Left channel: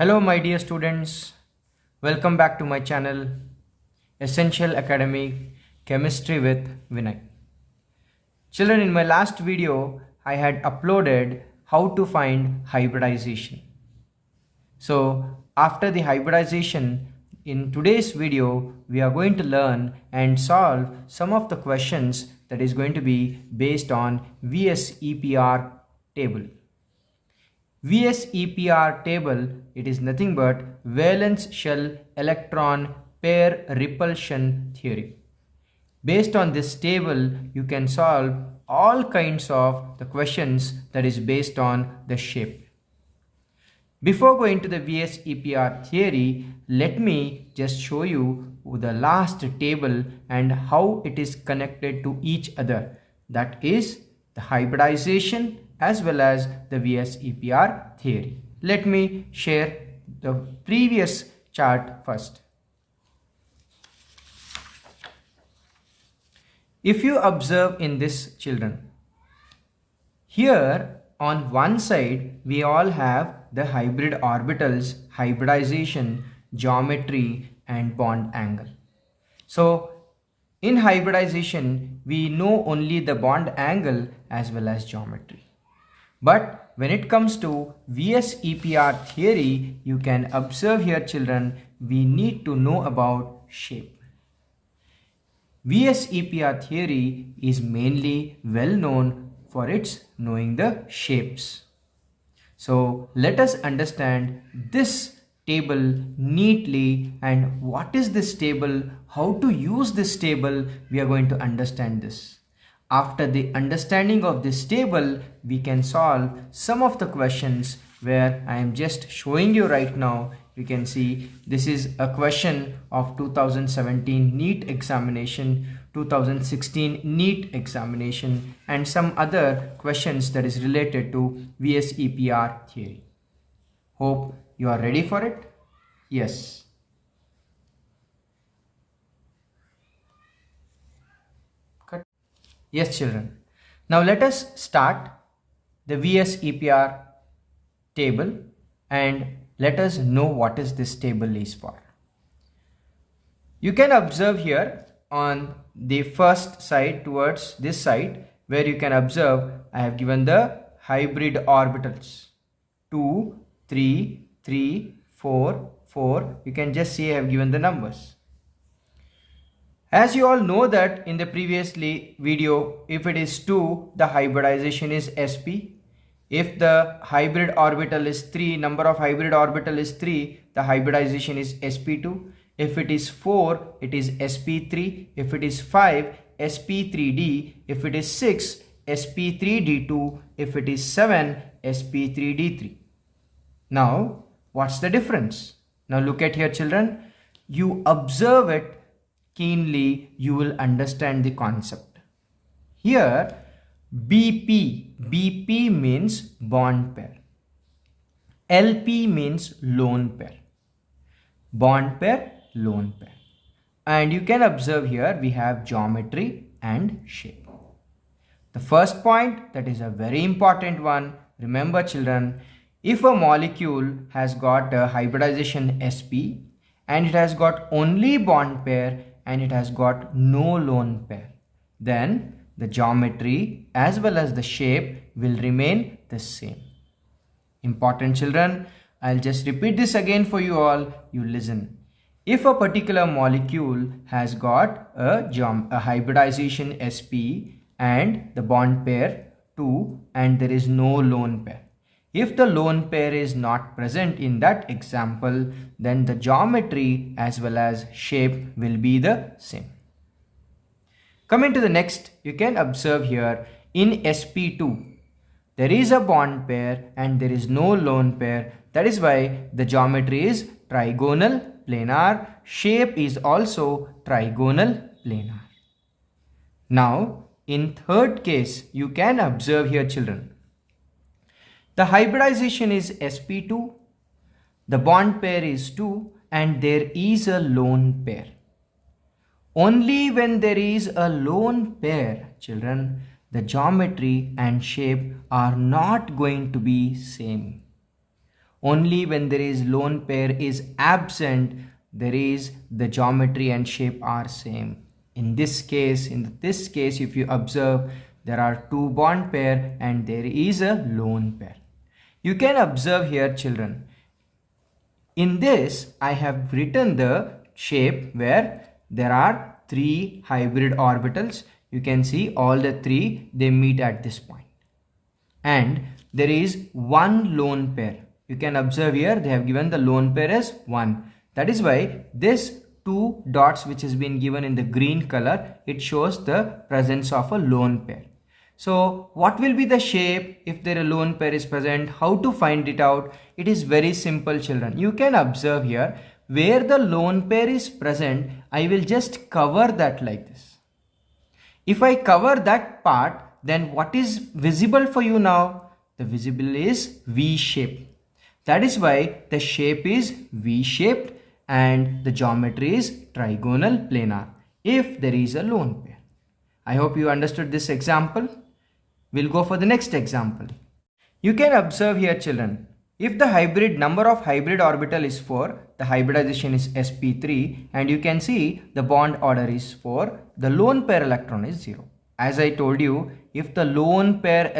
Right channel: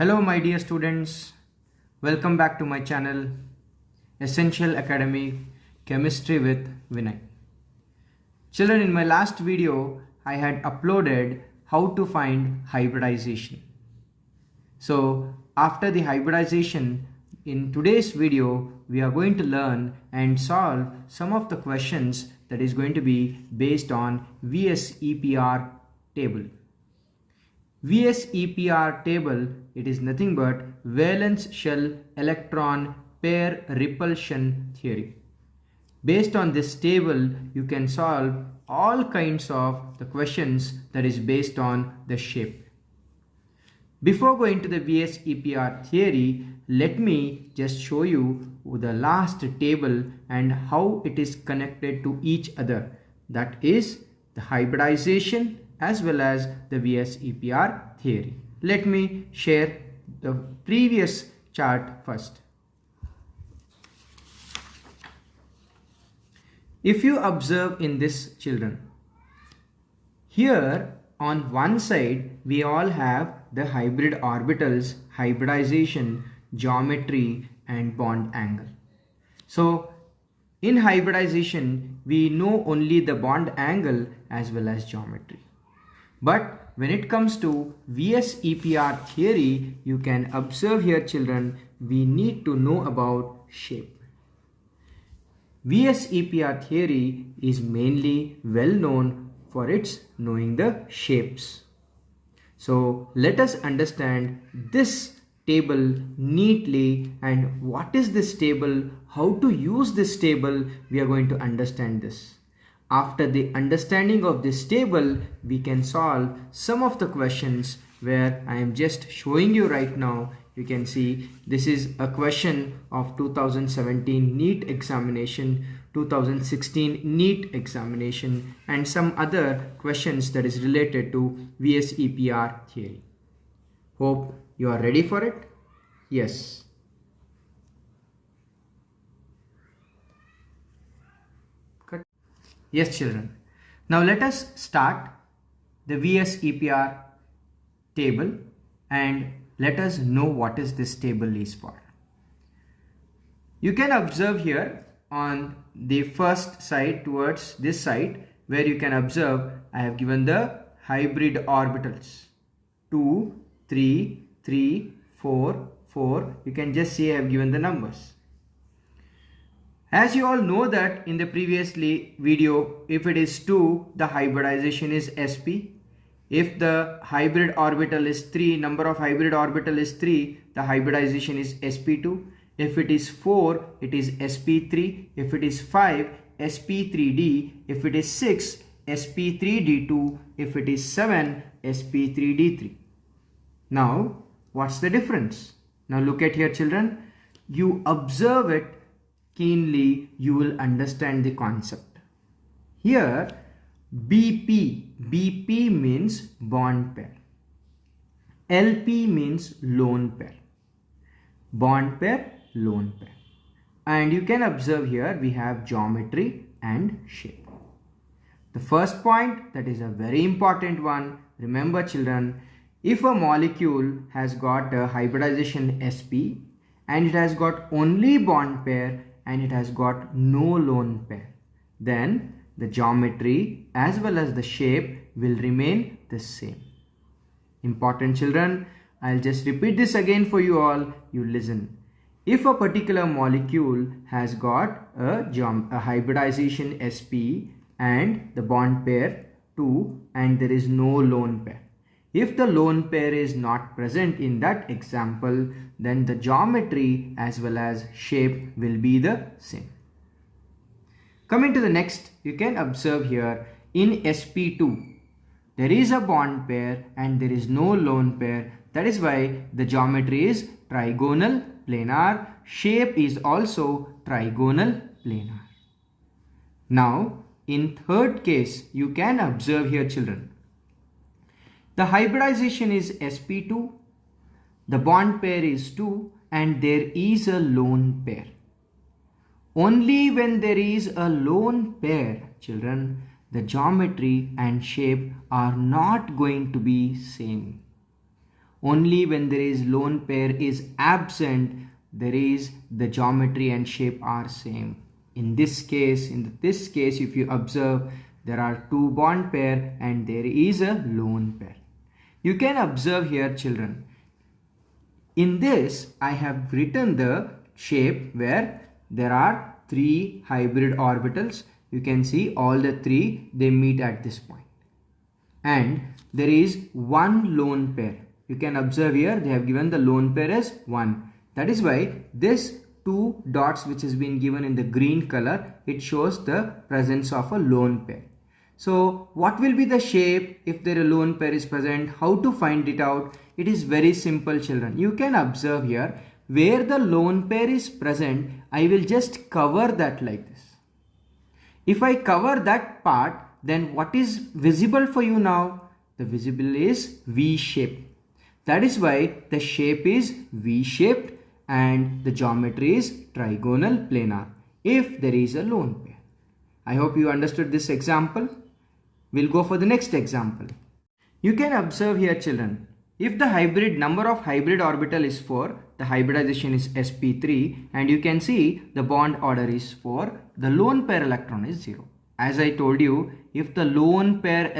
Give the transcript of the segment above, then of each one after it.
Hello my dear students, welcome back to my channel Essential Academic Chemistry with Vinay. Children, in my last video I had uploaded how to find hybridization. So after the hybridization, in today's video we are going to learn and solve some of the questions that is going to be based on VSEPR table. VSEPR table, it is nothing but valence shell electron pair repulsion theory. Based on this table, you can solve all kinds of the questions that is based on the shape. Before going to the VSEPR theory, let me just show you the last table and how it is connected to each other. That is the hybridization as well as the VSEPR theory. Let me share the previous chart first. If you observe in this, children, here on one side we all have the hybrid orbitals, hybridization, geometry and bond angle. So in hybridization we know only the bond angle as well as geometry. But when it comes to VSEPR theory, you can observe here, children, we need to know about shape. VSEPR theory is mainly well known for its knowing the shapes. So let us understand this table neatly, and what is this table, how to use this table, we are going to understand this. After the understanding of this table, we can solve some of the questions where I am just showing you right now. You can see this is a question of 2017 NEET examination, 2016 NEET examination and some other questions that is related to VSEPR theory. Hope you are ready for it. Yes. Yes, children. Now let us start the VSEPR table and let us know what is this table is for. You can observe here on the first side towards this side where you can observe I have given the hybrid orbitals 2, 3, 3, 4, 4. You can just see I have given the numbers. As you all know that in the previous video, if it is 2, the hybridization is sp. If the hybrid orbital is 3, number of hybrid orbital is 3, the hybridization is sp2. If it is 4, it is sp3. If it is 5, sp3d. If it is 6, sp3d2. If it is 7, sp3d3. Now, what's the difference? Now look at here, children. You observe it keenly, you will understand the concept. Here BP means bond pair, LP means lone pair, bond pair, lone pair, and you can observe here we have geometry and shape. The first point, that is a very important one. Remember, children, if a molecule has got a hybridization sp and it has got only bond pair and it has got no lone pair, then the geometry as well as the shape will remain the same. Important, children, I'll just repeat this again for you all. You listen. If a particular molecule has got a hybridization sp and the bond pair 2 and there is no lone pair, if the lone pair is not present in that example, then the geometry as well as shape will be the same. Coming to the next, you can observe here in sp2, there is a bond pair and there is no lone pair. That is why the geometry is trigonal planar. Shape is also trigonal planar. Now, in third case, you can observe here, children. The hybridization is sp2, the bond pair is 2 and there is a lone pair. Only when there is a lone pair, children, the geometry and shape are not going to be same. Only when there is lone pair is absent, there is the geometry and shape are same. In this case, if you observe, there are two bond pair and there is a lone pair. You can observe here, children. In this, I have written the shape where there are three hybrid orbitals. You can see all the three, they meet at this point. And there is one lone pair. You can observe here, they have given the lone pair as 1. That is why this two dots which has been given in the green color, it shows the presence of a lone pair. So what will be the shape if there a lone pair is present? How to find it out? It is very simple, children. You can observe here, where the lone pair is present, I will just cover that like this. If I cover that part, then what is visible for you now? The visible is V shape. That is why the shape is V-shaped and the geometry is trigonal planar if there is a lone pair. I hope you understood this example. We'll go for the next example. You can observe here, children, if the number of hybrid orbital is 4, the hybridization is sp3, and you can see the bond order is 4, the lone pair electron is 0. As I told you, if the lone pair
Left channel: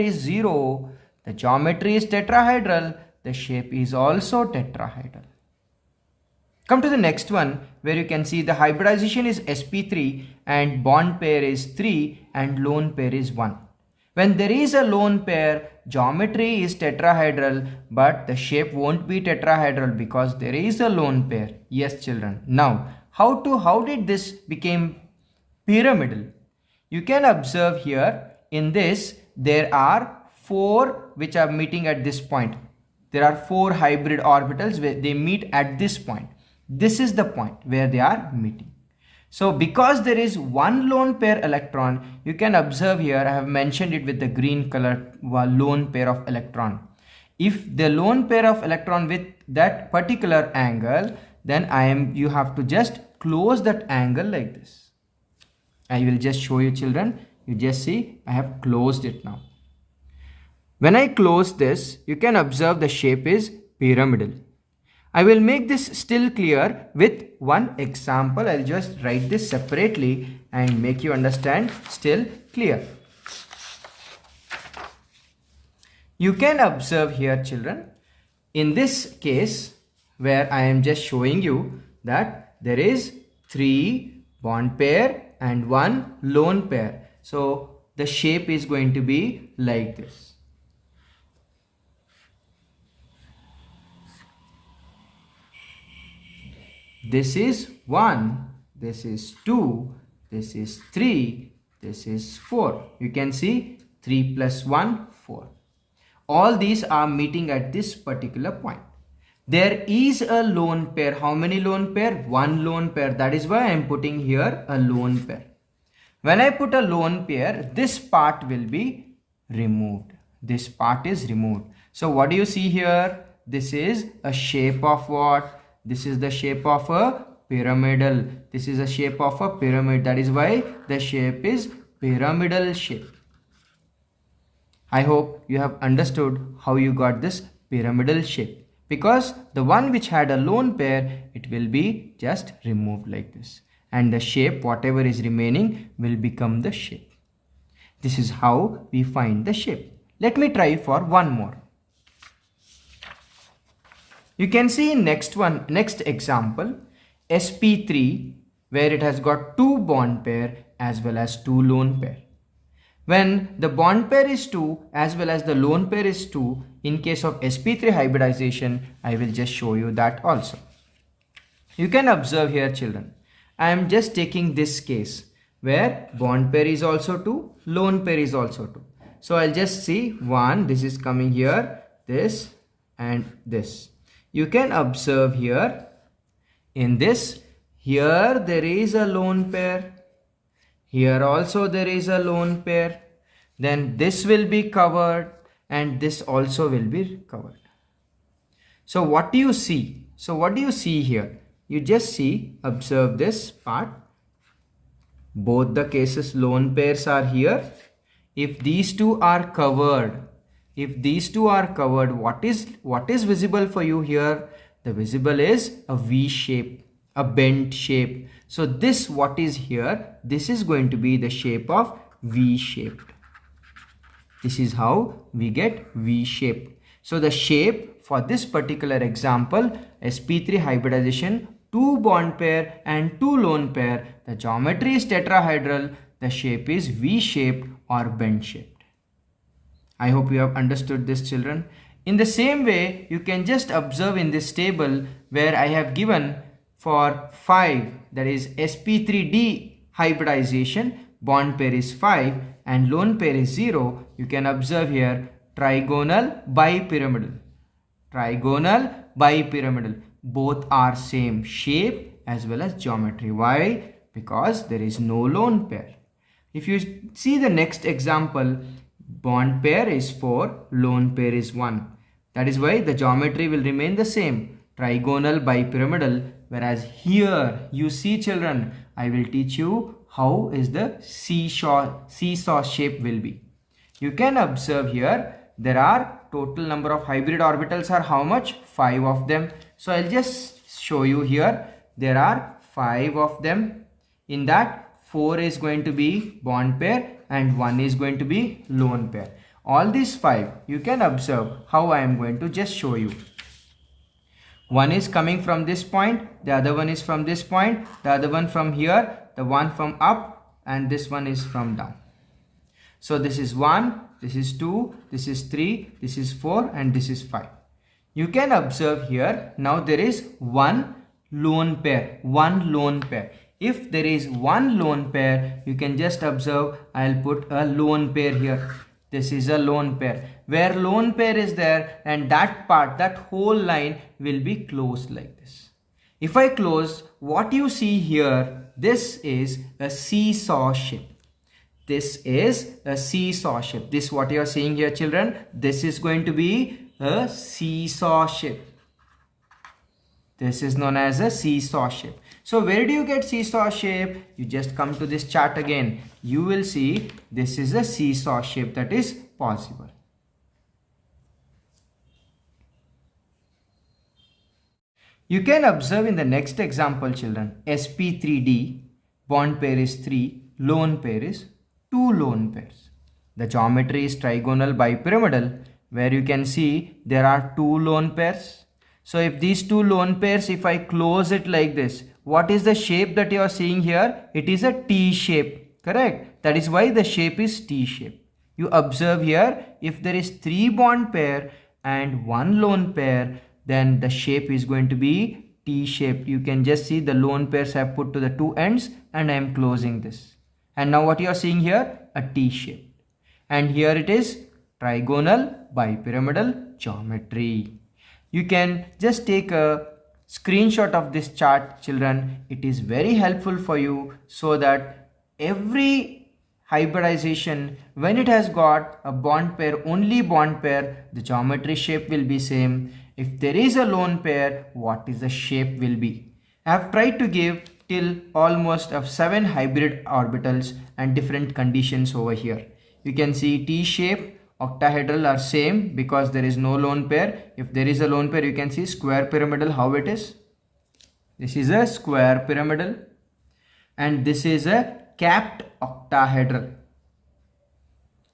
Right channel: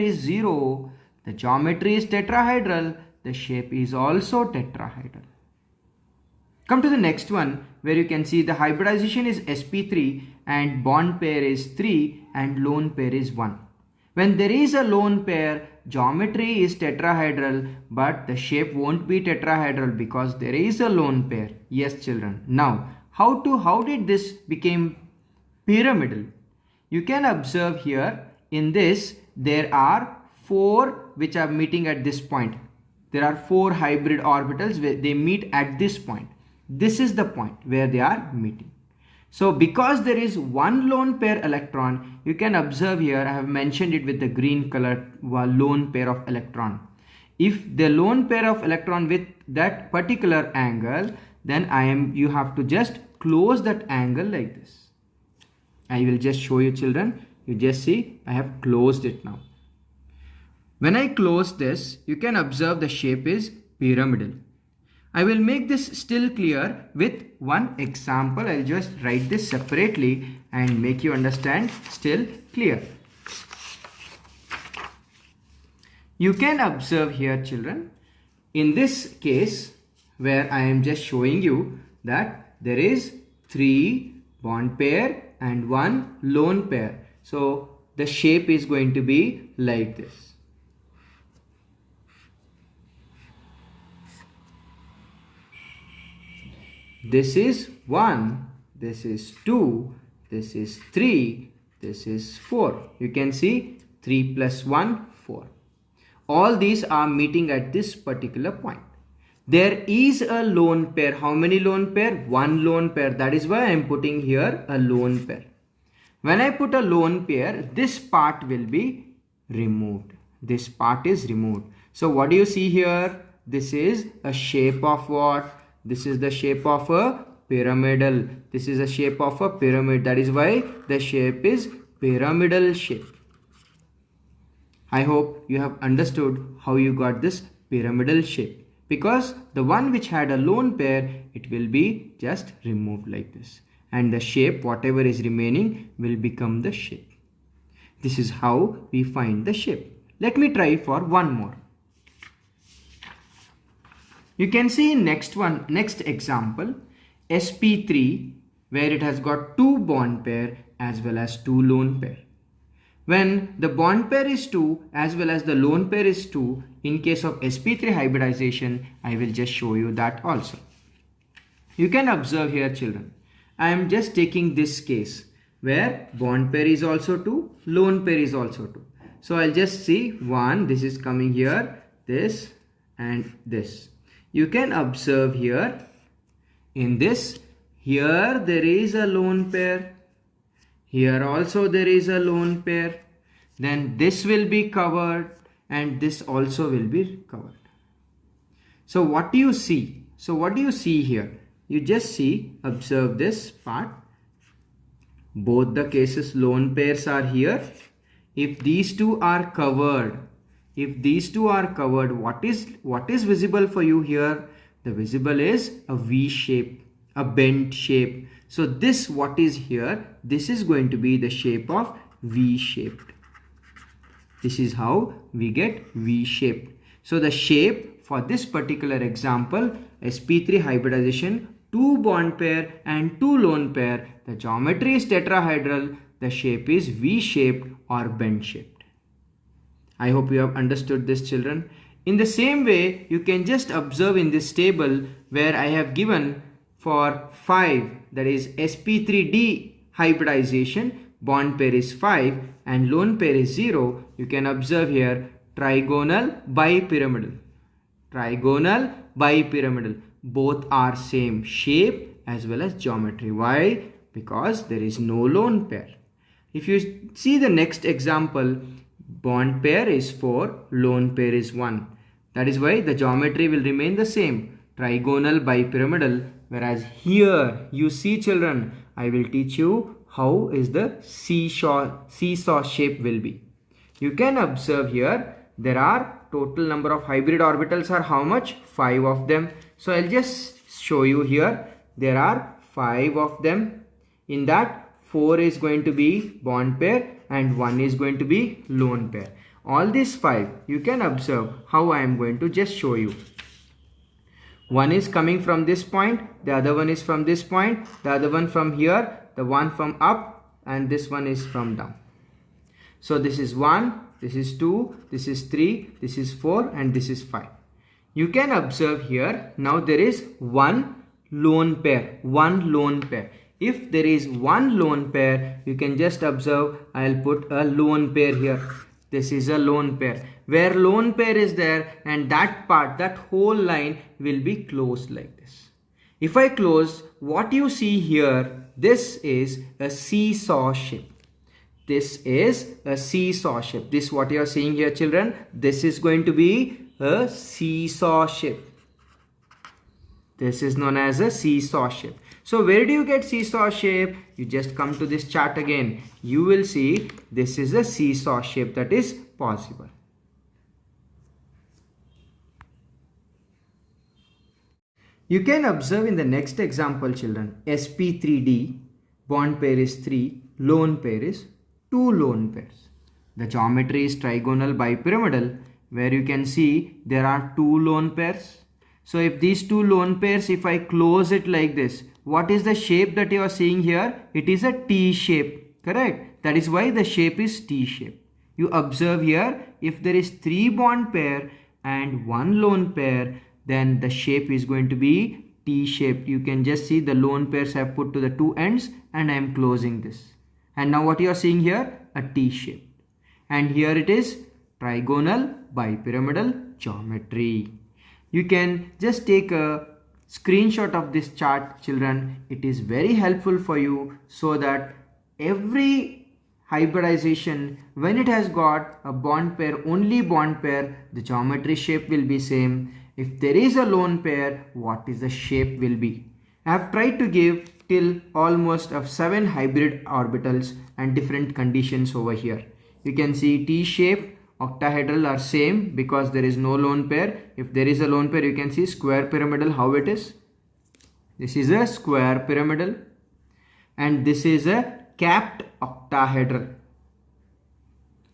is 0, the geometry is tetrahedral, the shape is also tetrahedral. Come to the next one, where you can see the hybridization is sp3 and bond pair is 3 and lone pair is 1. When there is a lone pair, geometry is tetrahedral, but the shape won't be tetrahedral because there is a lone pair. Yes, children. Now, how did this become pyramidal? You can observe here, in this there are 4 which are meeting at this point. There are 4 hybrid orbitals where they meet at this point. This is the point where they are meeting. So because there is one lone pair electron, you can observe here, I have mentioned it with the green color, lone pair of electron. If the lone pair of electron with that particular angle, then you have to just close that angle like this. I will just show you, children. You just see, I have closed it now. When I close this, you can observe the shape is pyramidal. I will make this still clear with one example. I'll just write this separately and make you understand still clear. You can observe here, children, in this case where I am just showing you that there is 3 bond pair and 1 lone pair. So the shape is going to be like this. This is 1, this is 2, this is 3, this is 4. You can see 3 plus 1, 4. All these are meeting at this particular point. There is a lone pair. How many lone pair? 1 lone pair. That is why I am putting here a lone pair. When I put a lone pair, this part will be removed. This part is removed. So what do you see here? This is a shape of what? This is the shape of a pyramidal. This is a shape of a pyramid. That is why the shape is pyramidal shape. I hope you have understood how you got this pyramidal shape. Because the one which had a lone pair, it will be just removed like this. And the shape, whatever is remaining, will become the shape. This is how we find the shape. Let me try for one more. You can see next example, sp3, where it has got 2 bond pair as well as 2 lone pair. When the bond pair is 2 as well as the lone pair is 2, in case of sp3 hybridization, I will just show you that also. You can observe here, children, I am just taking this case where bond pair is also 2, lone pair is also 2. So I'll just see 1, this is coming here, this and this. You can observe here, in this, here there is a lone pair, here also there is a lone pair, then this will be covered and this also will be covered. So what do you see? So what do you see here? You just see, observe this part. Both the cases lone pairs are here. If these two are covered, If these two are covered, what is visible for you here? The visible is a V shape, a bent shape. So this what is here, this is going to be the shape of V shaped. This is how we get V shaped. So the shape for this particular example, sp3 hybridization, 2 bond pair and 2 lone pair, the geometry is tetrahedral, the shape is V shaped or bent shaped. I hope you have understood this, children. In the same way, you can just observe in this table where I have given for 5, that is sp3d hybridization, bond pair is 5 and lone pair is 0. You can observe here trigonal bipyramidal. Trigonal bipyramidal. Both are same shape as well as geometry. Why? Because there is no lone pair. If you see the next example, bond pair is 4, lone pair is 1. That is why the geometry will remain the same, trigonal bipyramidal. Whereas here you see, children, I will teach you how is the seesaw shape will be. You can observe here there are total number of hybrid orbitals are how much? 5 of them. So I'll just show you here. There are 5 of them. In that 4 is going to be bond pair and 1 is going to be lone pair. All these 5 you can observe how I am going to just show you. One is coming from this point, the other one is from this point, the other one from here, the one from up, and this one is from down. So this is 1, this is 2, this is 3, this is 4 and this is 5. You can observe here, now there is one lone pair, one lone pair. If there is one lone pair, you can just observe, I'll put a lone pair here. This is a lone pair. Where lone pair is there and that part, that whole line will be closed like this. If I close, what you see here, this is a seesaw shape. This is a seesaw shape. This what you are seeing here, children. This is going to be a seesaw shape. This is known as a seesaw shape. So where do you get seesaw shape? You just come to this chart again. You will see this is a seesaw shape that is possible. You can observe in the next example, children, sp3d, bond pair is 3, lone pair is 2 lone pairs. The geometry is trigonal bipyramidal, where you can see there are 2 lone pairs. So if these 2 lone pairs, if I close it like this, what is the shape that you are seeing here? It is a T shape, correct? That is why the shape is T shape. You observe here, if there is 3 bond pair and 1 lone pair, then the shape is going to be T shape. You can just see the lone pairs I have put to the 2 ends and I am closing this. And now what you are seeing here? A T shape. And here it is trigonal bipyramidal geometry. You can just take a screenshot of this chart, children. It is very helpful for you so that every hybridization, when it has got a bond pair, only bond pair, the geometry shape will be same. If there is a lone pair, what is the shape will be. I have tried to give till almost of 7 hybrid orbitals and different conditions over here. You can see T shape, octahedral are same because there is no lone pair. If there is a lone pair, you can see square pyramidal how it is. This is a square pyramidal and this is a capped octahedral.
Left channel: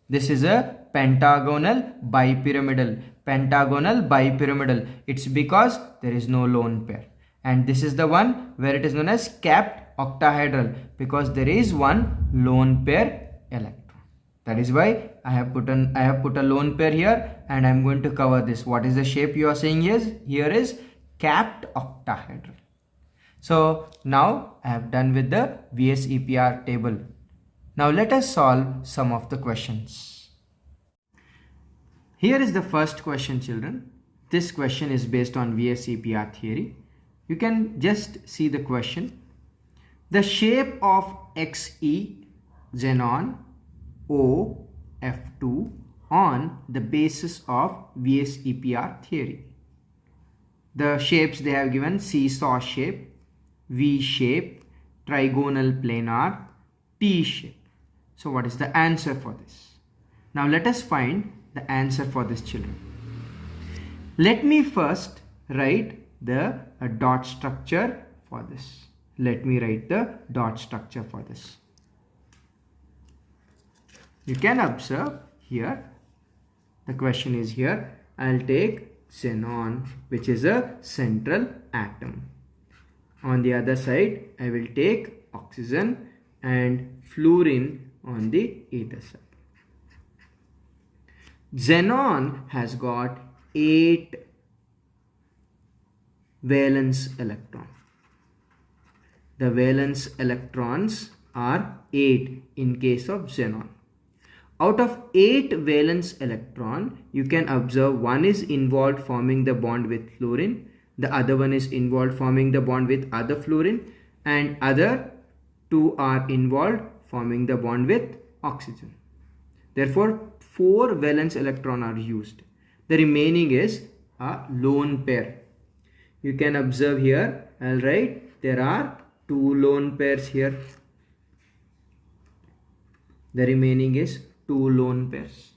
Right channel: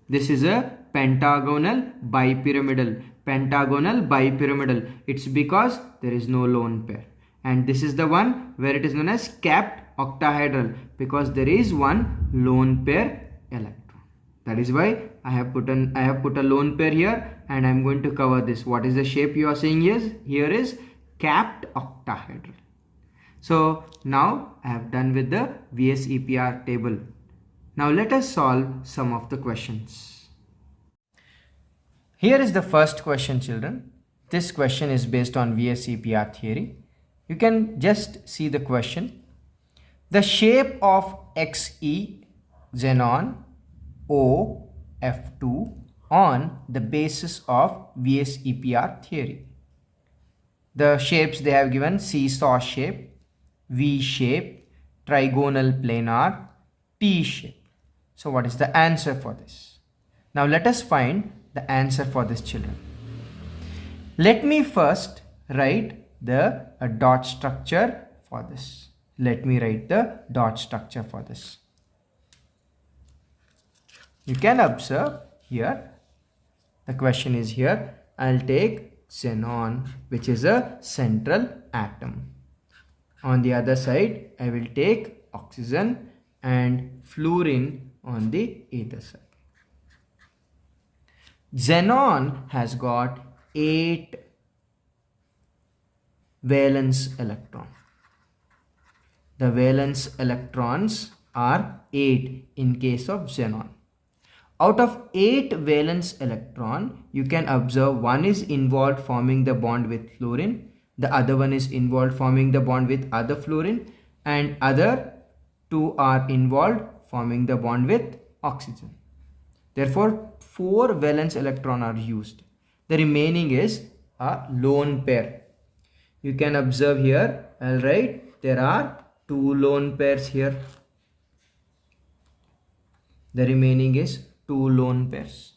This is a pentagonal bipyramidal. Pentagonal bipyramidal. It's because there is no lone pair. And this is the one where it is known as capped octahedral because there is one lone pair electron. That is why I have put a lone pair here and I am going to cover this. What is the shape you are seeing here is capped octahedral. So now I have done with the VSEPR table. Now let us solve some of the questions. Here is the first question, children. This question is based on VSEPR theory. You can just see the question. The shape of XE xenon OF2 on the basis of VSEPR theory. The shapes they have given: seesaw shape, V shape, trigonal planar, T shape. So what is the answer for this? Now let us find the answer for this, children. Let me first write the dot structure for this. Let me write the dot structure for this. You can observe here, the question is here, I'll take xenon, which is a central atom. On the other side, I will take oxygen and fluorine on the either side. Xenon has got 8 valence electrons. The valence electrons are 8 in case of xenon. Out of 8 valence electron, you can observe one is involved forming the bond with fluorine, the other one is involved forming the bond with other fluorine, and other 2 are involved forming the bond with oxygen. Therefore, 4 valence electrons are used. The remaining is a lone pair. You can observe here, I'll write, there are 2 lone pairs here. The remaining is 2 lone pairs.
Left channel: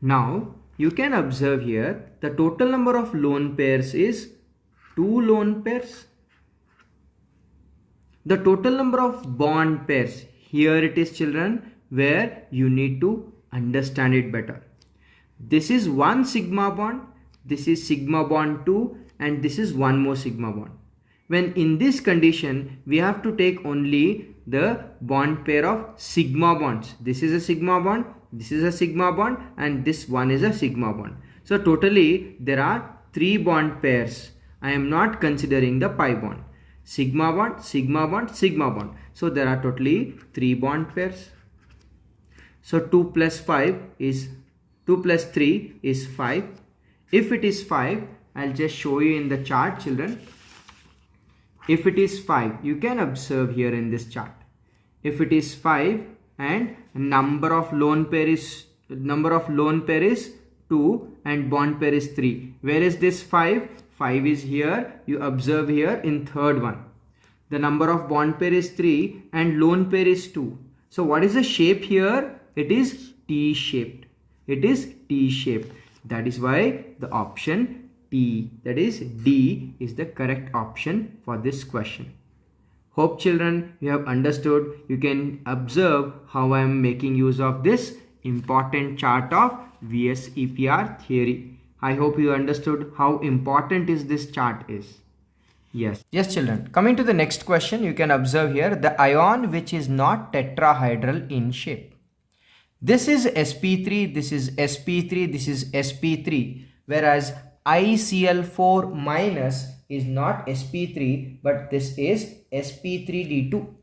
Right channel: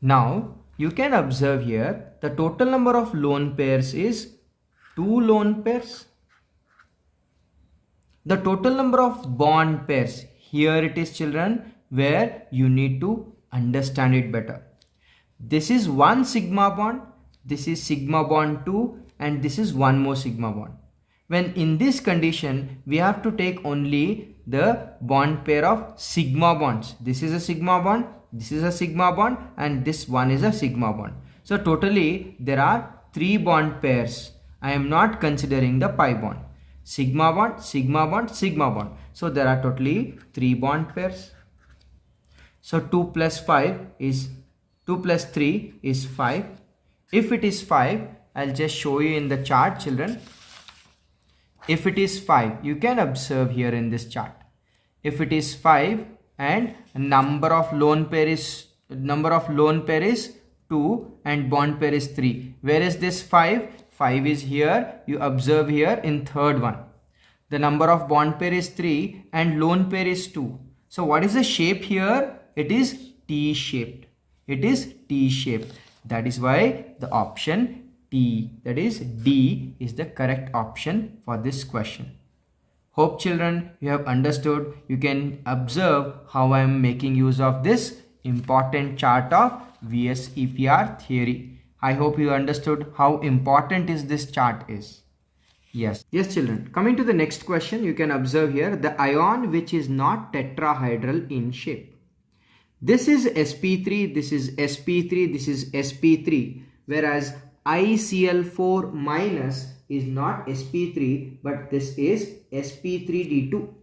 Now, you can observe here, the total number of lone pairs is 2 lone pairs. The total number of bond pairs, here it is, children, where you need to understand it better. This is 1 sigma bond, this is sigma bond 2, and this is 1 more sigma bond. When in this condition, we have to take only the bond pair of sigma bonds. This is a sigma bond, this is a sigma bond, and this one is a sigma bond. So totally there are 3 bond pairs. I am not considering the pi bond. Sigma bond, sigma bond, sigma bond. So there are totally 3 bond pairs. So 2 plus 5 is 2 plus 3 is 5. If it is 5, I'll just show you in the chart, children. If it is 5, you can observe here in this chart. If it is 5 and number of lone pair is 2 and bond pair is 3. Where is this 5? 5 is here. You observe here in third one. The number of bond pair is 3 and lone pair is 2. So what is the shape here? It is T-shaped. It is T-shaped. That is why the option T, that is D, is the correct option for this question. Hope, children, you have understood. You can observe how I am making use of this important chart of VSEPR theory. I hope you understood how important is this chart is. Yes, children. Coming to the next question, you can observe here the ion which is not tetrahedral in shape. This is sp3, this is sp3, this is sp3, whereas ICl4 minus is not sp3, but this is sp3d2.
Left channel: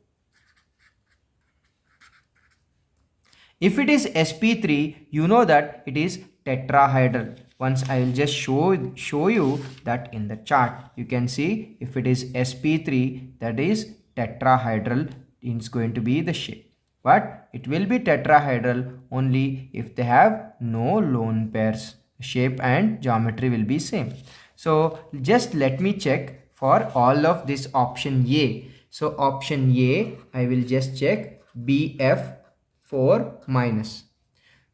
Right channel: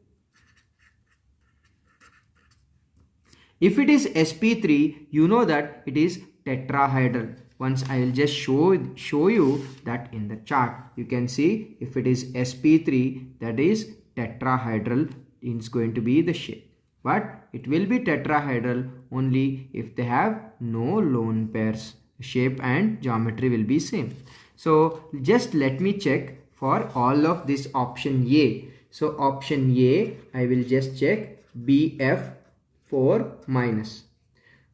If it is sp3, you know that it is tetrahedral. Once I will just show you that in the chart. You can see if it is sp3, that is tetrahedral, it's going to be the shape. But it will be tetrahedral only if they have no lone pairs. Shape and geometry will be same. So just let me check for all of this option A. So option A, I will just check Bf4 minus.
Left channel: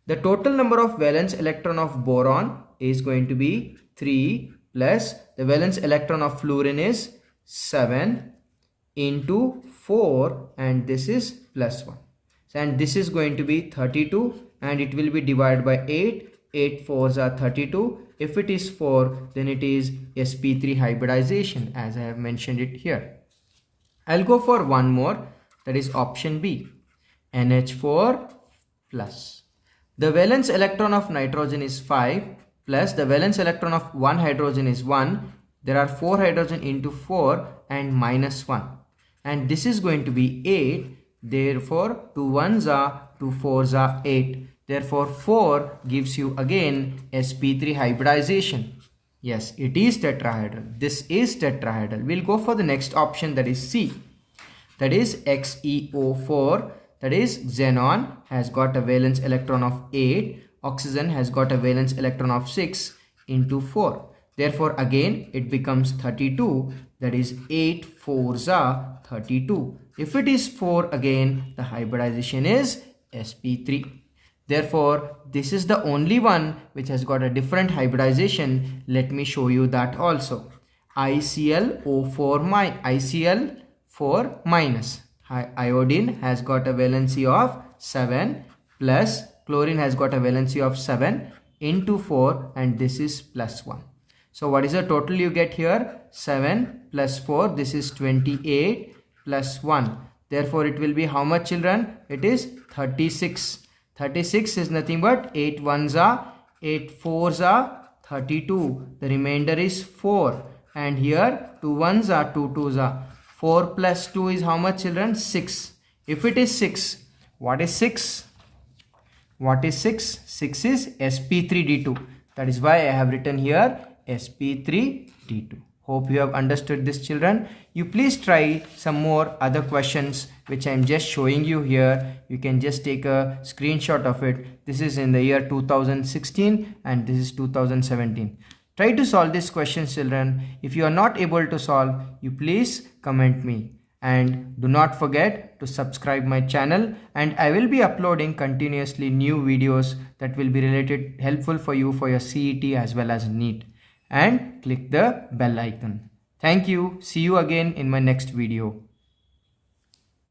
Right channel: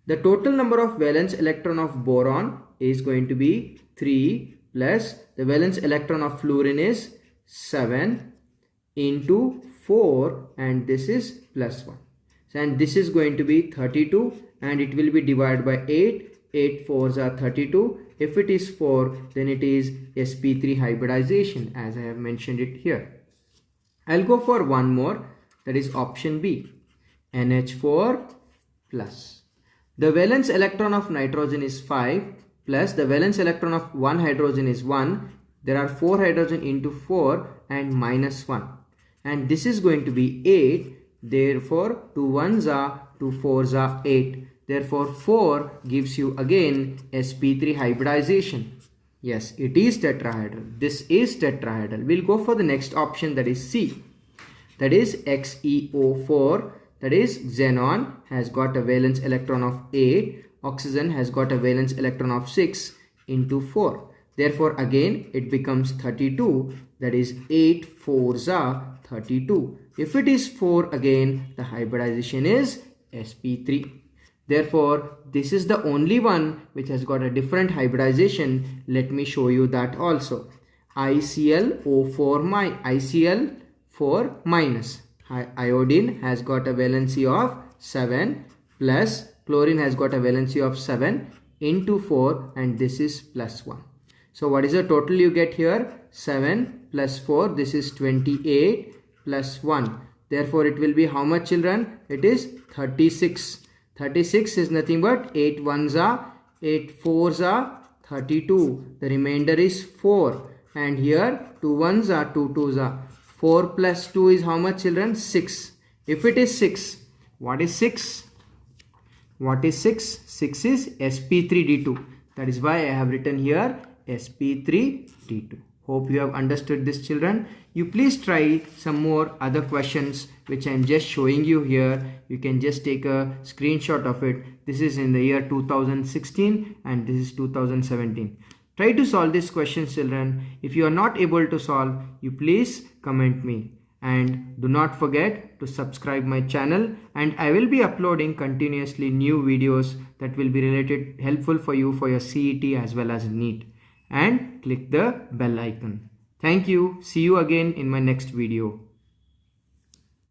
The total number of valence electron of boron is going to be 3 plus the valence electron of fluorine is 7 into 4, and this is plus 1. And this is going to be 32, and it will be divided by 8. 8 4s are 32. If it is 4, then it is sp3 hybridization, as I have mentioned it here. I'll go for one more, that is option B, NH4 plus. The valence electron of nitrogen is 5 plus the valence electron of one hydrogen is 1. There are 4 hydrogen into 4 and minus 1. And this is going to be 8. Therefore, 2 1s are 2 4s are 8. Therefore, 4 gives you again sp3 hybridization. Yes, it is tetrahedral. This is tetrahedral. We'll go for the next option, that is C. That is XeO4. That is xenon has got a valence electron of 8. Oxygen has got a valence electron of 6 into 4. Therefore, again it becomes 32. That is 8 4s are 32. If it is 4 again, the hybridization is sp3. Therefore, this is the only one which has got a different hybridization. Let me show you that also. ICl4 minus. Iodine has got a valency of 7 plus chlorine has got a valency of 7 into 4, and this is plus 1. So what is the total you get here? 7 plus 4, this is 28 plus 1. Therefore, it will be how much, children? It is 36. 36 is nothing but 8 ones are 8 fours are 32. The remainder is 4. And here 2 ones are 2 twos are. 4 plus 2 is how much, children? 6. If it is 6, what is 6? What is 6? 6 is sp3d2. That is why I have written here sp3d2. Hope you have understood this, children. You please try some more other questions which I am just showing you here. You can just take a screenshot of it. This is in the year 2016 and this is 2017. Try to solve these questions, children. If you are not able to solve, you please comment me. And do not forget to subscribe my channel, and I will be uploading continuously new videos that will be related helpful for you for your CET as well as NEET. And click the bell icon. Thank you. See you again in my next video.